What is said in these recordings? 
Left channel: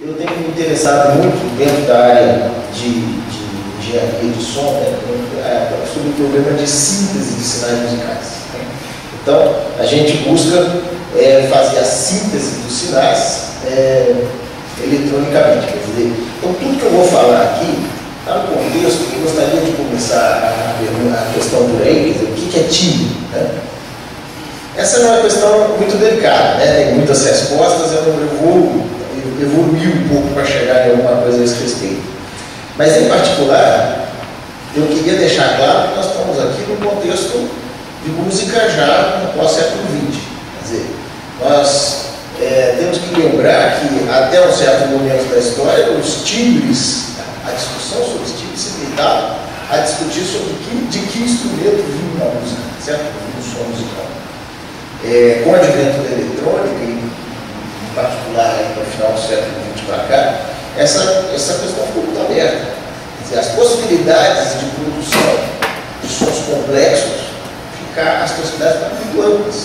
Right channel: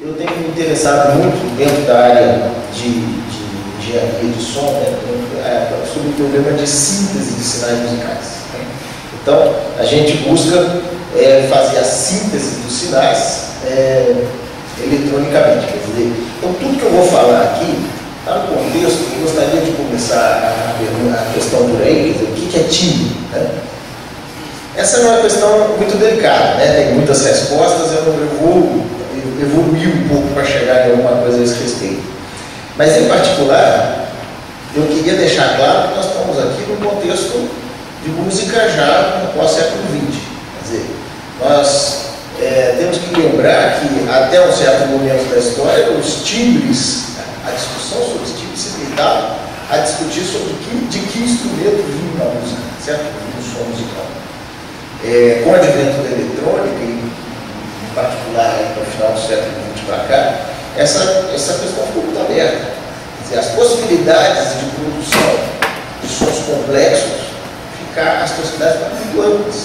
Eu tenho me interessado muito dentro da área de engenharia de som, né, sobre o problema de síntese de sinais musicais. Né? Então, a gente busca fazer a síntese dos sinais eletronicamente. Quer dizer, então, tudo que eu vou falar aqui está no contexto. Eu gostaria de começar a questão por aí, quer dizer, o que é timbre? Né? Essa é uma questão muito delicada, né? Tem muitas respostas, eu não evoluir um pouco para chegar em alguma coisa a esse respeito. Mas, em particular, eu queria deixar claro que nós estamos aqui num contexto de música já no pós-século XX. Quer dizer, nós temos que lembrar que, até um certo momento da história, os timbres, a discussão sobre os timbres se limitava a discutir sobre de que instrumento vinha a música, certo? O som musical. Com o advento da eletrônica, em particular aí, no final do século XX para cá, essa questão ficou muito aberta. Quer dizer, as possibilidades de produção de sons complexos as possibilidades estão muito amplas.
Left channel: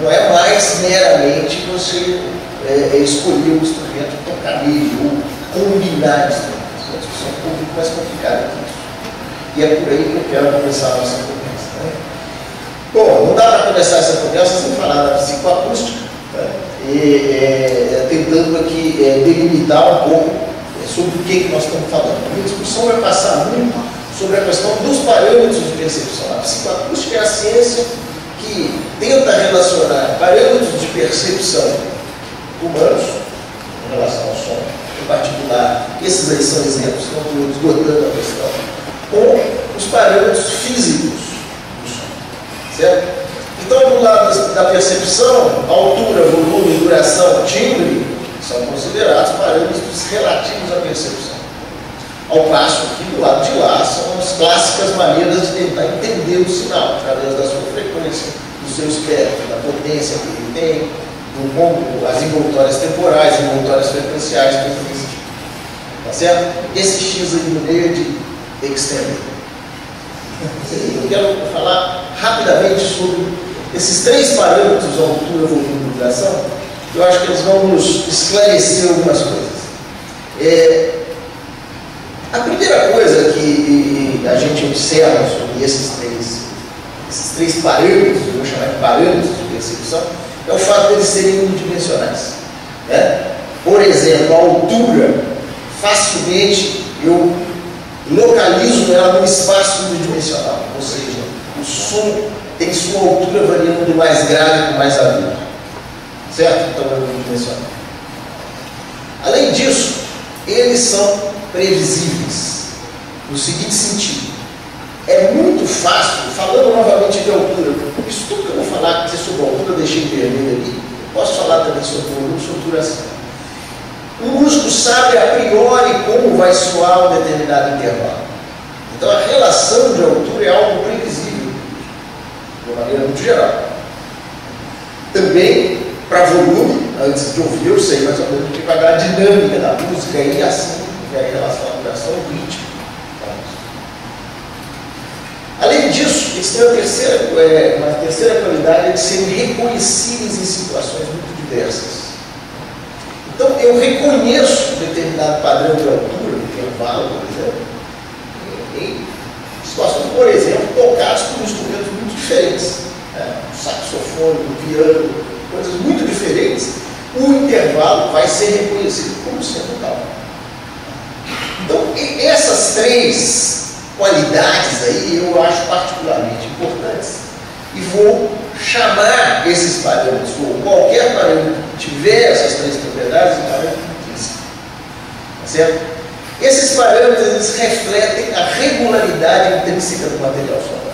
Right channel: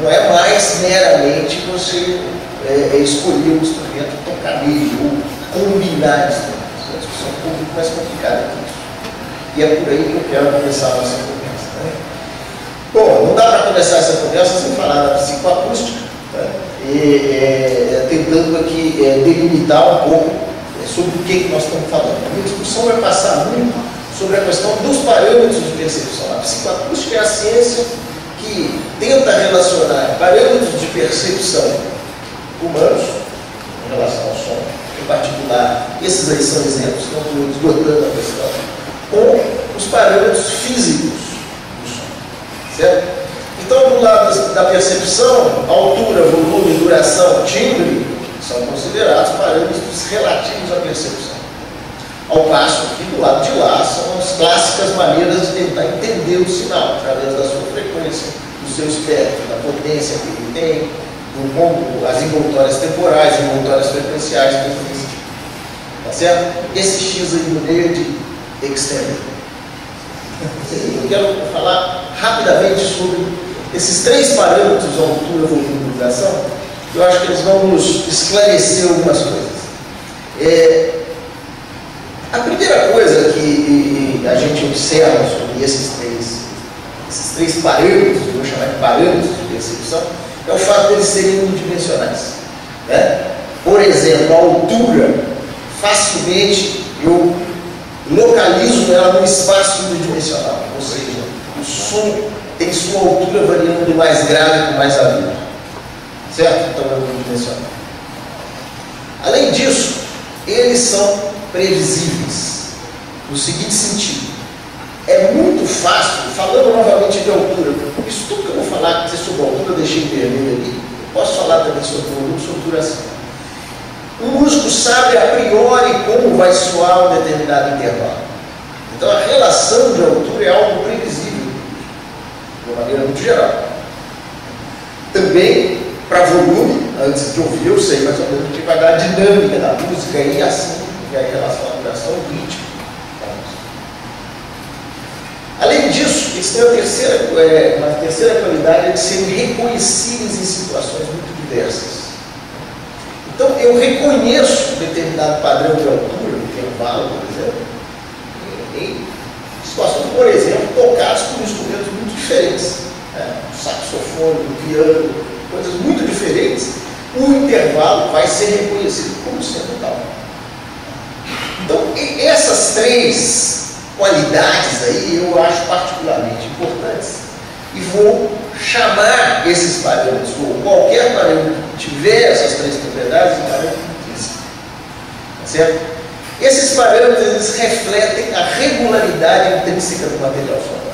Não é mais meramente você escolher um instrumento, tocar nele, ou combinar instrumentos. É uma discussão um pouco mais complicada que isso. E é por aí que eu quero começar a nossa conversa. Né? Bom, não dá para começar essa conversa sem falar da psicoacústica, né? Tentando aqui delimitar um pouco sobre o que nós estamos falando. A minha discussão vai passar muito sobre a questão dos parâmetros de percepção. A psicoacústica é a ciência que tenta relacionar parâmetros de percepção humanos em relação ao som, em particular, esses aí são exemplos, não estou esgotando a questão, com os parâmetros físicos do som, certo? Então, do lado da percepção, altura, volume, duração, timbre, são considerados parâmetros relativos à percepção. Ao passo que, do lado de lá, são as clássicas maneiras de tentar entender o sinal, através da sua frequência, do seu espectro, da potência que ele tem, as envoltórias temporais, envoltórias frequenciais, coisas desse tipo. Tá certo? Esse X aí no meio é de extender. Eu quero falar rapidamente sobre esses três parâmetros, altura, volume e duração. Eu acho que eles vão nos esclarecer algumas coisas. A primeira coisa que a gente observa sobre esses três parâmetros, eu vou chamar de parâmetros de percepção, é o fato de eles serem unidimensionais. Né? Por exemplo, a altura, facilmente eu localizo ela num espaço unidimensional, ou seja, o som tem sua altura variando do mais grave para o mais agudo. Certo? Então é unidimensional. Além disso, eles são previsíveis, no seguinte sentido: é muito fácil, falando novamente de altura, isso tudo que eu vou falar sobre altura, eu deixei vermelho ali, eu posso falar também sobre volume, sobre duração. O músico sabe a priori como vai soar um determinado intervalo. Então a relação de altura é algo previsível, de uma maneira muito geral. Também, para volume, antes de ouvir, eu sei mais ou menos o que vai dar a dinâmica da música e assim, e aí em relação à duração, o ritmo da música. Além disso, eles têm uma terceira qualidade de serem reconhecíveis em situações muito diversas. Então, eu reconheço um determinado padrão de altura, intervalo, por exemplo, em situações, por exemplo, tocadas por instrumentos muito diferentes. O saxofone, o piano, coisas muito diferentes, o intervalo vai ser reconhecido como sendo tal. Então, essas três qualidades aí eu acho particularmente importantes e vou chamar esses parâmetros, ou qualquer parâmetro que tiver essas três propriedades, de parâmetro físico. Tá certo? Esses parâmetros eles refletem a regularidade intrínseca do material sonoro.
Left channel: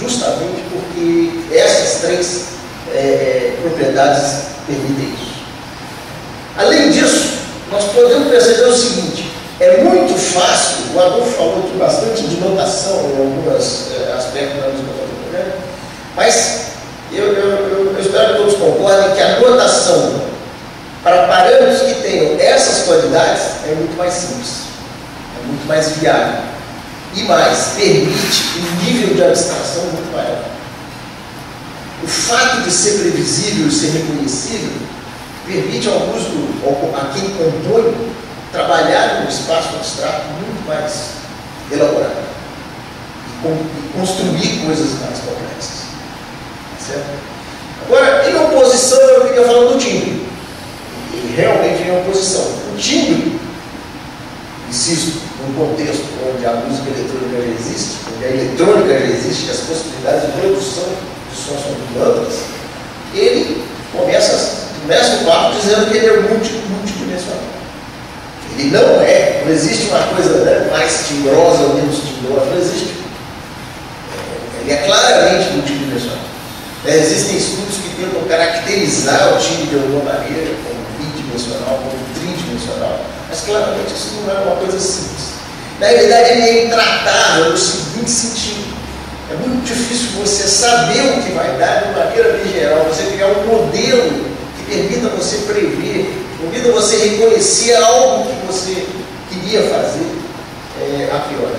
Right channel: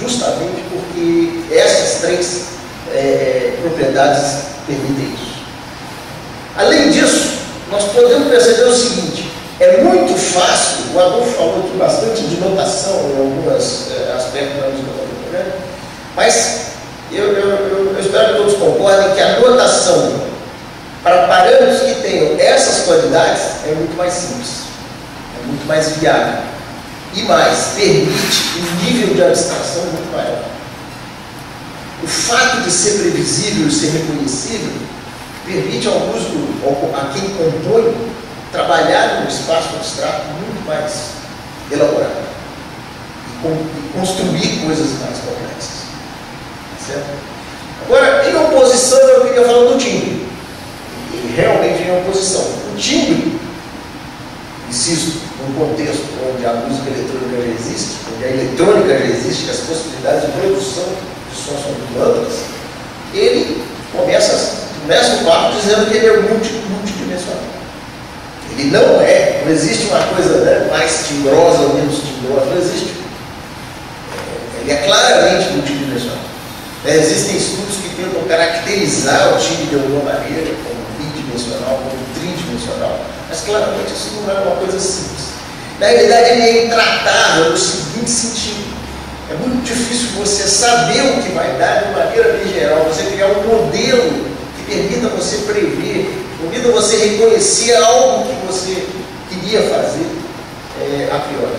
Justamente porque essas três propriedades permitem isso. Além disso, nós podemos perceber o seguinte: é muito fácil, o Adolfo falou aqui bastante de notação em alguns aspectos da música contemporânea, mas eu espero que todos concordem que a notação para parâmetros que tenham essas qualidades é muito mais simples, é muito mais viável e mais, permite um nível de abstração muito maior. O fato de ser previsível e ser reconhecível permite ao músico, a quem compõe, trabalhar num espaço abstrato muito mais elaborado e construir coisas mais complexas. Certo? Agora, em oposição, eu queria falar do timbre. E realmente em oposição. O timbre, insisto, num contexto onde a música eletrônica já existe, onde a eletrônica já existe, que as possibilidades de produção de sons são muito amplas, ele começa o papo dizendo que ele é multidimensional. Ele não existe uma coisa, né, mais timbrosa ou menos timbrosa, não existe. Ele é claramente multidimensional. Existem estudos que tentam caracterizar o timbre de alguma maneira, como bidimensional, como tridimensional, mas claramente isso não é uma coisa simples. Na realidade, ele é intratável no seguinte sentido: é muito difícil você saber o que vai dar de maneira bem geral, você criar um modelo que permita você prever, permita você reconhecer algo que você queria fazer a priori.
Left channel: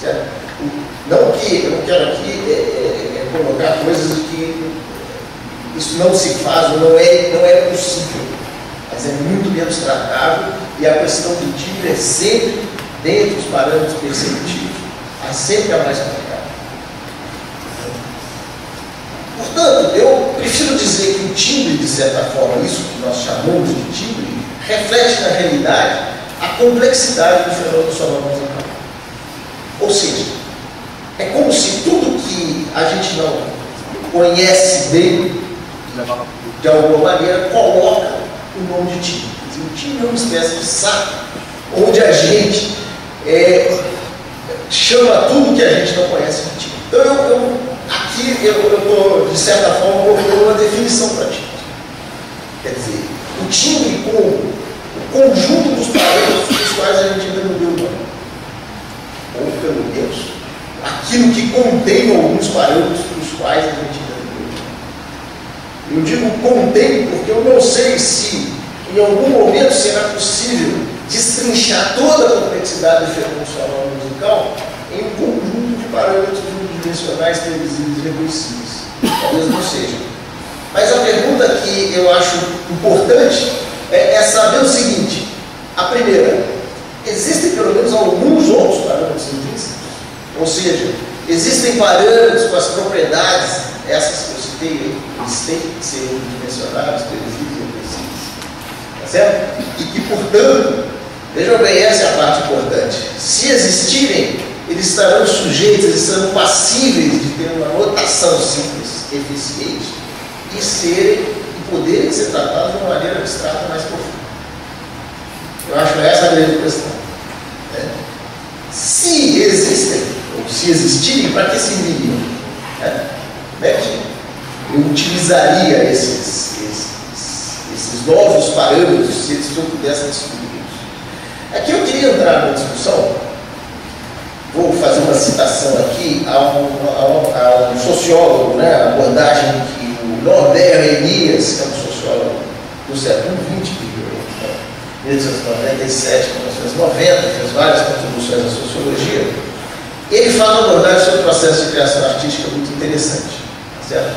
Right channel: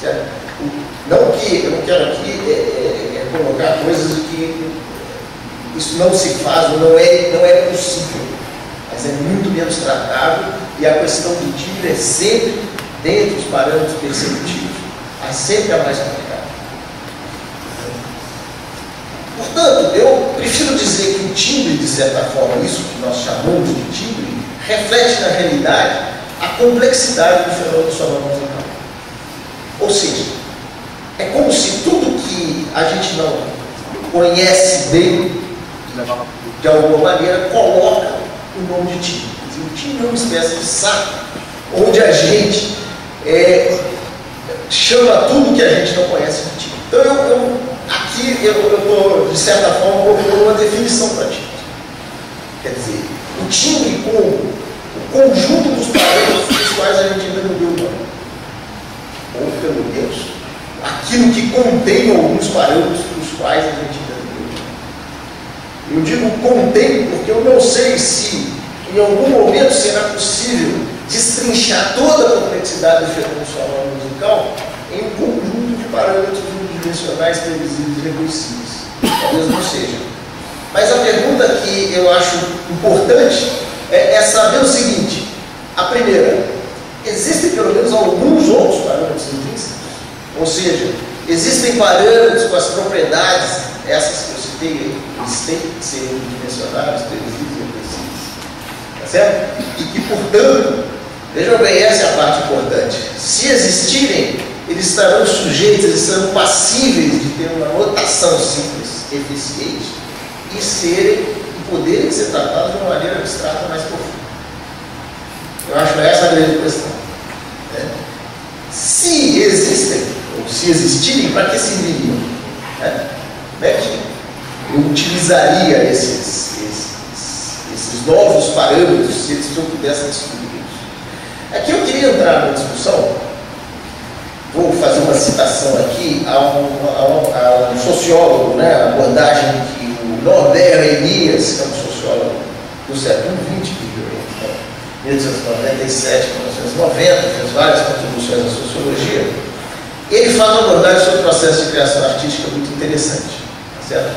Certo? Não que eu não quero aqui colocar coisas que isso não se faz, ou não é possível, mas é muito menos tratável, e a questão do timbre é sempre, dentro dos parâmetros perceptivos, sempre a mais complicada. Portanto, eu prefiro dizer que o timbre, de certa forma, isso que nós chamamos de timbre, reflete na realidade a complexidade do fenômeno sonoro musical. Ou seja, é como se tudo que a gente não conhece bem, de alguma maneira, coloca o nome de timbre. O timbre é uma espécie de saco, onde a gente chama tudo que a gente não conhece de timbre. Então, aqui eu estou, de certa forma, propondo uma definição para timbre. Quer dizer, o timbre como o conjunto dos parâmetros dos quais a gente ainda não deu nome. Ou, pelo menos, aquilo que contém alguns parâmetros dos quais a gente ainda não deu nome. Eu digo contém porque eu não sei se em algum momento será possível destrinchar toda a complexidade do fenômeno sonoro musical em um conjunto de parâmetros unidimensionais previsíveis e reconhecíveis. Talvez não seja. Mas a pergunta que eu acho importante é saber o seguinte: a primeira, existem pelo menos alguns outros parâmetros intrínsecos? Ou seja, existem parâmetros com as propriedades, essas que eu citei, eles têm que ser unidimensionais, previsíveis e reconhecíveis. Tá certo? E que, portanto, vejam bem, essa é a parte importante. Se existirem, eles estarão sujeitos, eles serão passíveis de ter uma notação simples, eficiente, e poderem ser tratados de uma maneira abstrata mais profunda. Eu acho essa a grande questão. Se existem, ou se existirem, para que serviriam? Como é que eu utilizaria esses novos parâmetros se eu pudesse descobri-los? Aqui eu queria entrar numa discussão. Vou fazer uma citação aqui a um sociólogo, né, a abordagem que o Norbert Elias, que é um sociólogo do século XX, de 1897 a 1990, fez várias contribuições à sociologia. Ele faz uma abordagem sobre o processo de criação artística muito interessante. Tá certo?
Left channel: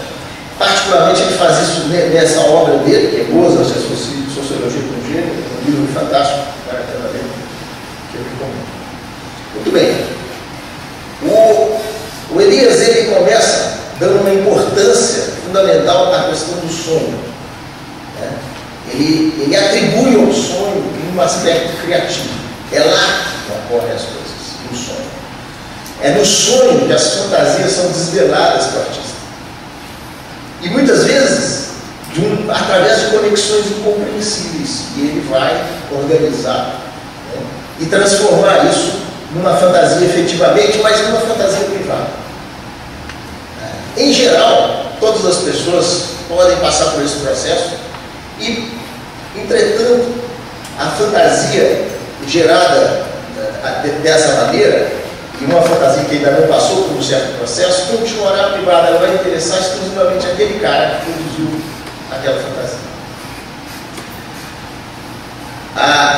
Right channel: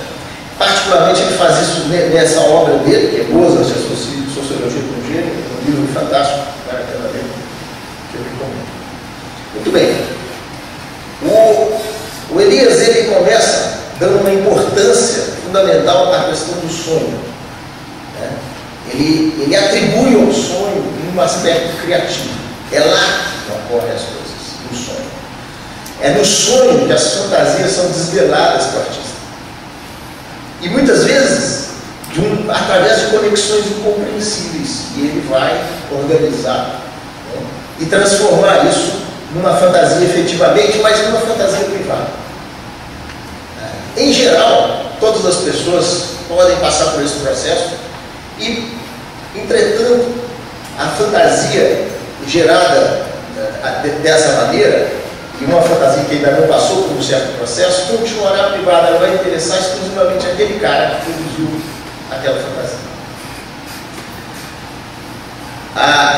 Particularmente, ele faz isso nessa obra dele, que é Boas a Sociologia do Gênero, um livro fantástico, que eu recomendo. Muito bem. O Elias, ele começa dando uma importância fundamental à questão do sonho. Né? Ele atribui ao sonho um aspecto criativo. É lá que ocorrem as coisas, no sonho. É no sonho que as fantasias são desveladas para o artista. E muitas vezes, através de conexões incompreensíveis, e ele vai organizar, né, e transformar isso numa fantasia efetivamente, mas numa fantasia privada. Em geral, todas as pessoas podem passar por esse processo e, entretanto, a fantasia gerada dessa maneira, e uma fantasia que ainda não passou por um certo processo, continuará privada. Ela vai interessar exclusivamente aquele cara que produziu aquela fantasia.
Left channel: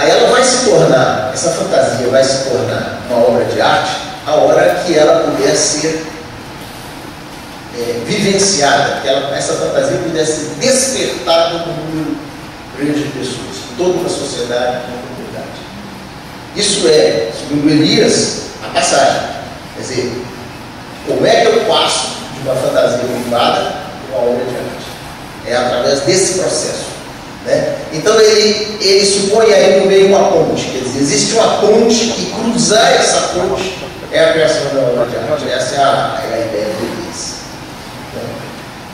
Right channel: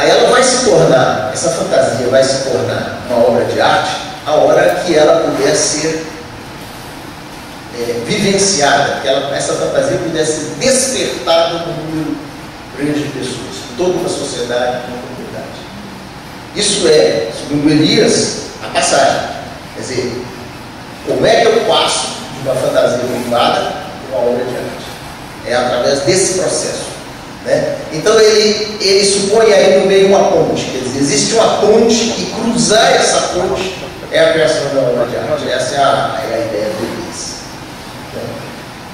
Ela vai se tornar, essa fantasia vai se tornar uma obra de arte a hora que ela puder ser vivenciada, que essa fantasia pudesse despertar no número grande de pessoas, toda uma sociedade, uma comunidade. Isso é, segundo Elias, a passagem. Quer dizer, como é que eu passo de uma fantasia privada para uma obra de arte? É através desse processo, né? Então ele supõe aí no meio uma ponte, quer dizer, existe uma ponte e cruzar essa ponte é a criação da obra de arte. Essa é a ideia do Elias.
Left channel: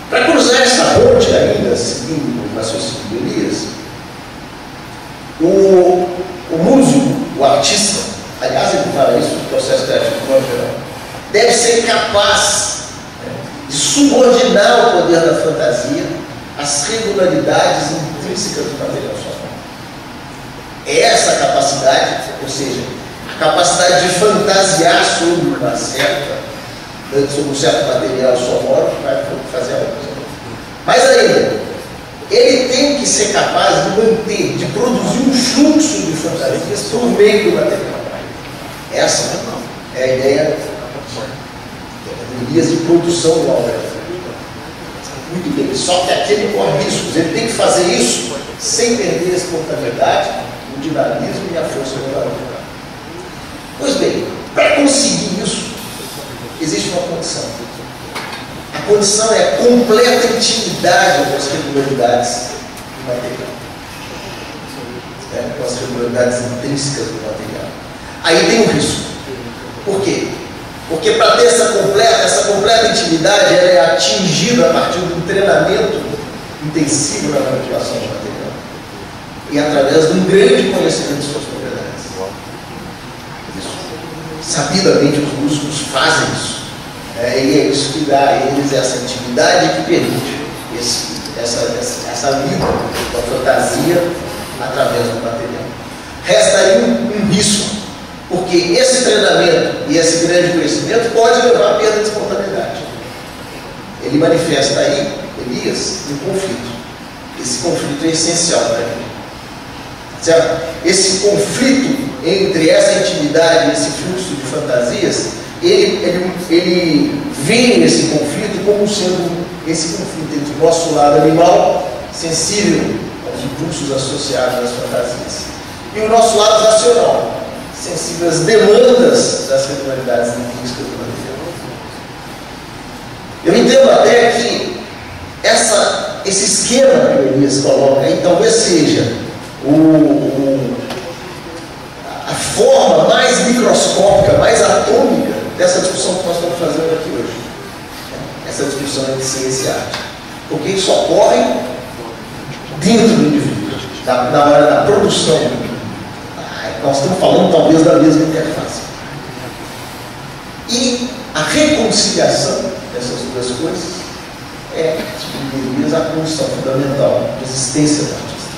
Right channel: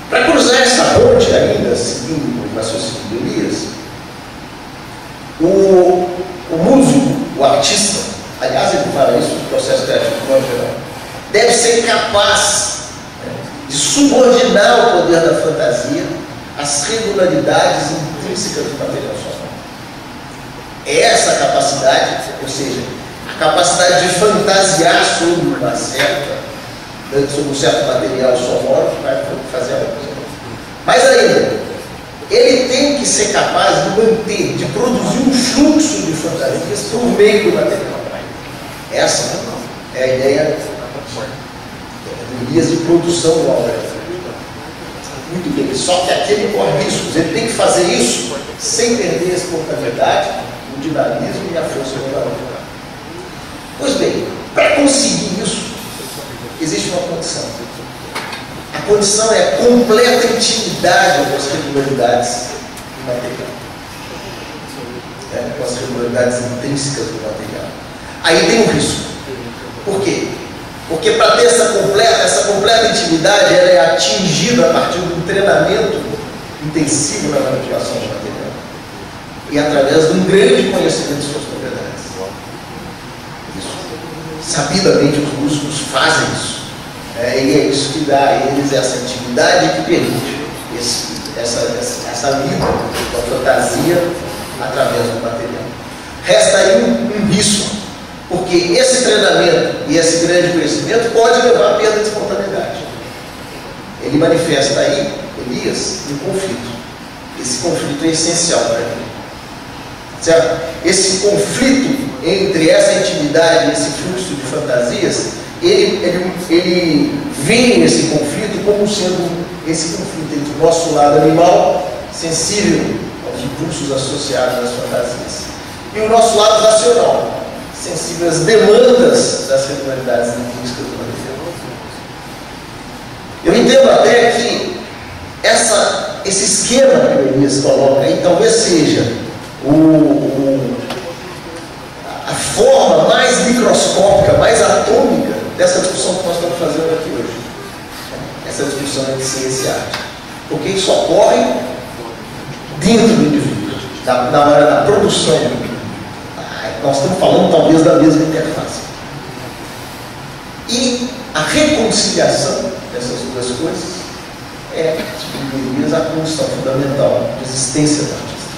Para cruzar essa ponte ainda, seguindo o raciocínio de Elias, o músico, o artista, aliás ele fala isso no processo criativo de modo geral, deve ser capaz de subordinar o poder da fantasia às regularidades intrínsecas do material sonoro. É essa capacidade, ou seja, a capacidade de fantasiar sobre um certo material sonoro que vai fazer a coisa. Mas ainda, ele tem que ser capaz de manter, de produzir um fluxo de fantasias por meio do material. Essa é a ideia de Elias de produção do obra. Muito bem, só que aqui ele corre riscos. Ele tem que fazer isso sem perder a espontaneidade, o dinamismo e a força do obra. Pois bem, para conseguir isso, existe uma condição. A condição é a completa intimidade com as regularidades do material. Com as regularidades intrínsecas do material. Aí tem um risco. Por quê? Porque para ter essa completa intimidade, ela é atingida a partir de um treinamento intensivo na manipulação do material. E através de um grande conhecimento de suas propriedades. Sabidamente os músicos fazem isso. E é isso que dá a eles essa intimidade que permite essa lida com a fantasia através do material. Resta aí um risco, porque esse treinamento e esse grande conhecimento pode levar à perda de espontaneidade. Ele manifesta aí, Elias, um conflito. Esse conflito é essencial para ele. Certo? Esse conflito entre essa intimidade e esse fluxo de fantasias, ele vê esse conflito como sendo esse conflito entre o nosso lado animal, sensível aos impulsos associados às fantasias, e o nosso lado racional, sensível às demandas das regularidades intrínsecas do material. Eu entendo até que esse esquema que o Elias coloca aí talvez seja a forma mais microscópica, mais atômica dessa discussão que nós estamos fazendo aqui hoje. Essa discussão entre ciência e arte. Porque isso ocorre dentro do indivíduo, na hora da produção. Nós estamos falando talvez da mesma interface. E a reconciliação dessas duas coisas é, segundo Elias, a condição fundamental de existência do artista.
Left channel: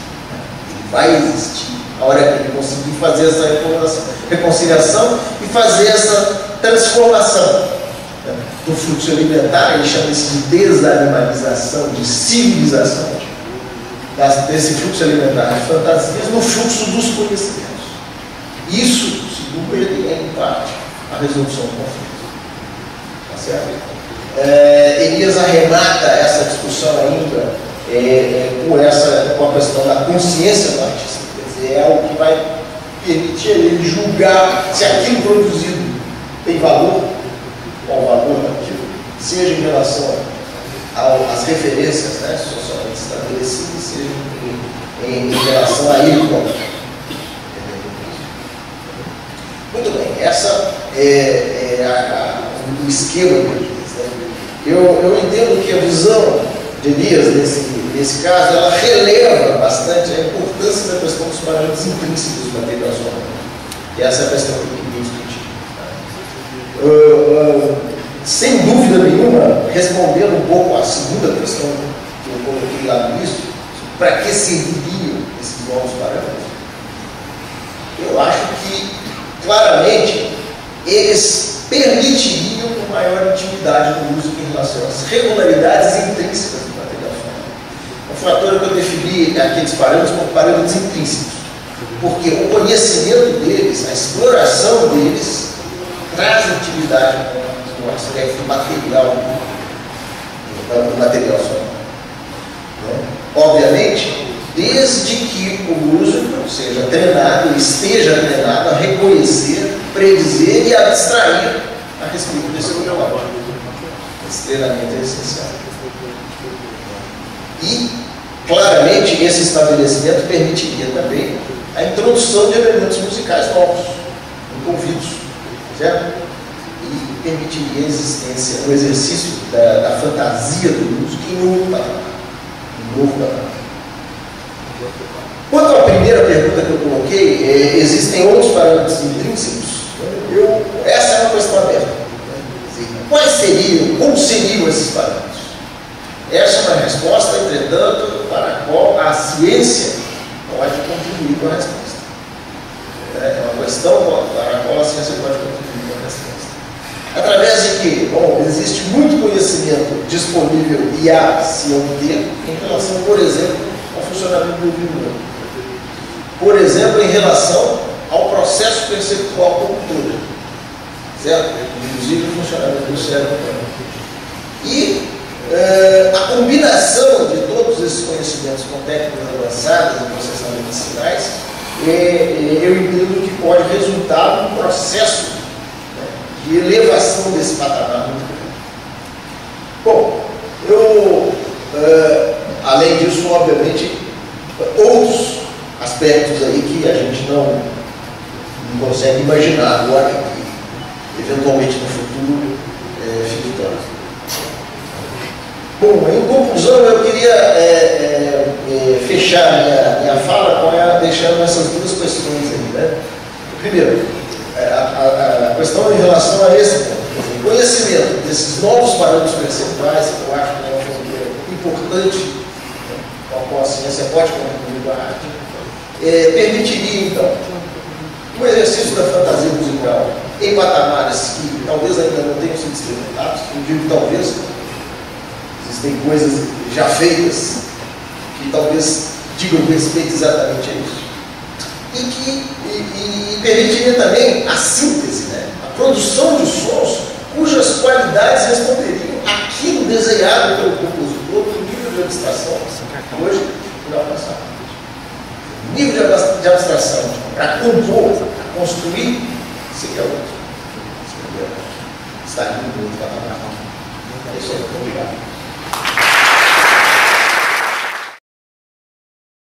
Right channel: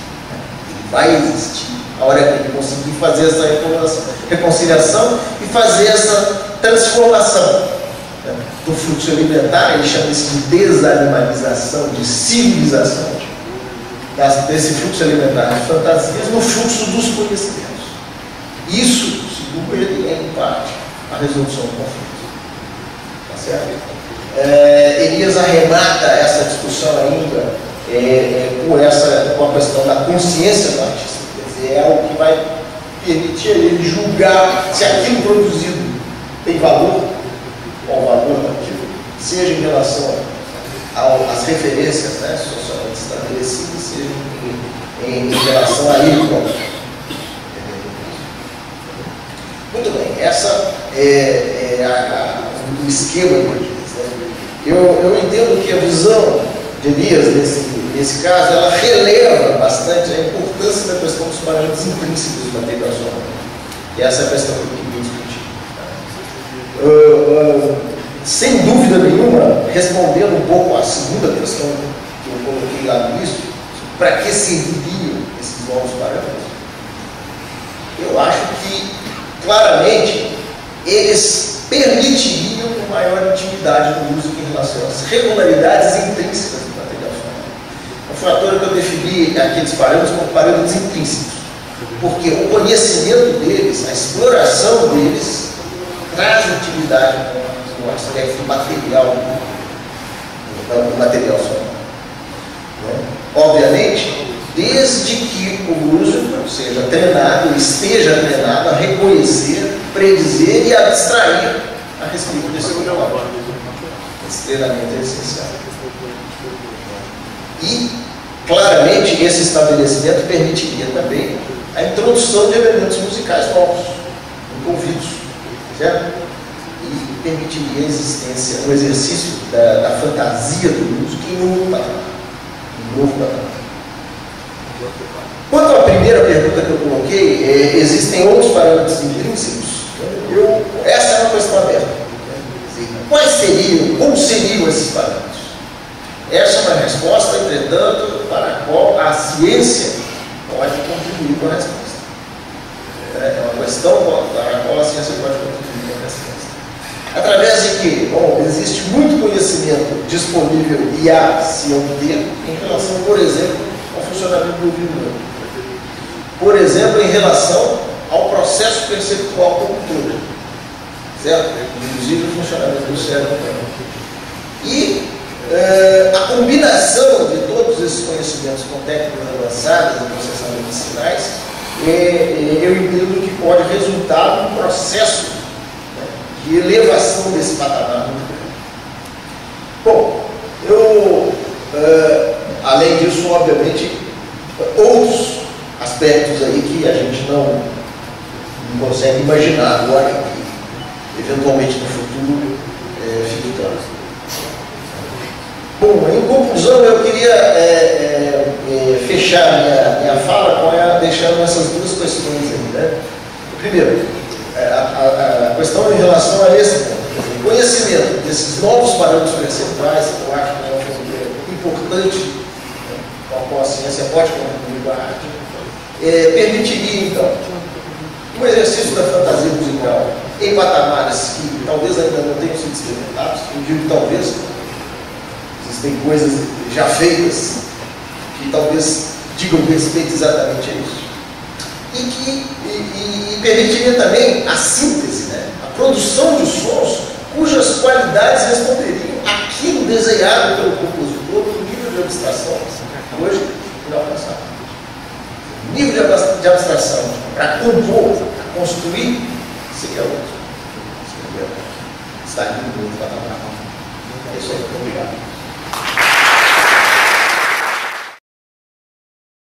Ele vai existir a hora que ele conseguir fazer essa reconciliação e fazer essa transformação do fluxo alimentar. Ele chama isso de desanimalização, de civilização desse fluxo alimentar de fantasias no fluxo dos conhecimentos. Isso, segundo ele, é em parte a resolução do conflito. Tá certo? Elias arremata essa discussão ainda com a questão da consciência do artista. Quer dizer, é algo que vai permitir ele julgar se aquilo produzido tem valor, qual o valor daquilo, seja em relação às referências socialmente estabelecidas, seja em relação a ele próprio. Muito bem, essa é o esquema de Elias. Eu entendo que a visão de Elias, nesse caso, ela releva bastante a importância da questão dos parâmetros intrínsecos do material sonoro. E essa é a questão que eu queria discutir. Sem dúvida nenhuma, respondendo um pouco à segunda questão que eu coloquei lá no início, para que serviriam esses novos parâmetros, eu acho que claramente eles permitiriam uma maior intimidade do músico em relação às regularidades intrínsecas do material sonoro. Foi à toa que eu defini aqueles parâmetros como parâmetros intrínsecos, porque o conhecimento deles, a exploração deles, traz intimidade com o aspecto material do material sonoro. Né? Obviamente, desde que o músico seja treinado, esteja treinado a reconhecer, predizer e abstrair a respeito desse conteúdo. Esse treinamento é essencial. E, claramente, esse estabelecimento permitiria também a introdução de elementos musicais novos, envolvidos, certo? E permitiria a existência, o exercício da fantasia do músico em um novo patamar. Quanto à primeira pergunta que eu coloquei, existem outros parâmetros intrínsecos? Essa é uma questão aberta. Quais seriam, como seriam esses parâmetros? Essa é uma resposta, entretanto, para a qual a ciência pode contribuir com a resposta. É uma questão para a qual a ciência pode contribuir com a resposta. Através de que, bom, existe muito conhecimento disponível e a se obter em relação, por exemplo, ao funcionamento do ouvido humano. Por exemplo, em relação ao processo perceptual como um todo, certo? Inclusive o funcionamento do cérebro humano. E a combinação de todos esses conhecimentos com técnicas avançadas de processamento de sinais, eu entendo que pode resultar num processo, né, de elevação desse patamar muito grande. Bom, além disso, obviamente, outros aspectos aí que a gente não consegue imaginar agora, que eventualmente no futuro fique claro. Bom, em conclusão, eu queria fechar minha fala deixando essas duas questões aí, né? Primeiro, a questão em relação a esse ponto, o conhecimento desses novos parâmetros percentuais, que eu acho que é uma fronteira importante, né, com a qual a ciência pode contribuir com a arte, permitiria, então, um exercício da fantasia musical em patamares que talvez ainda não tenham sido experimentados, eu digo talvez, existem coisas já feitas que talvez digam respeito exatamente a isso. E permitiria também a síntese, né? A produção de sons cujas qualidades responderiam àquilo desejado pelo compositor no nível de abstração hoje e alcançado. O nível de abstração para compor, para construir, seria outro. Está aqui no outro patamar. É isso aí, obrigado.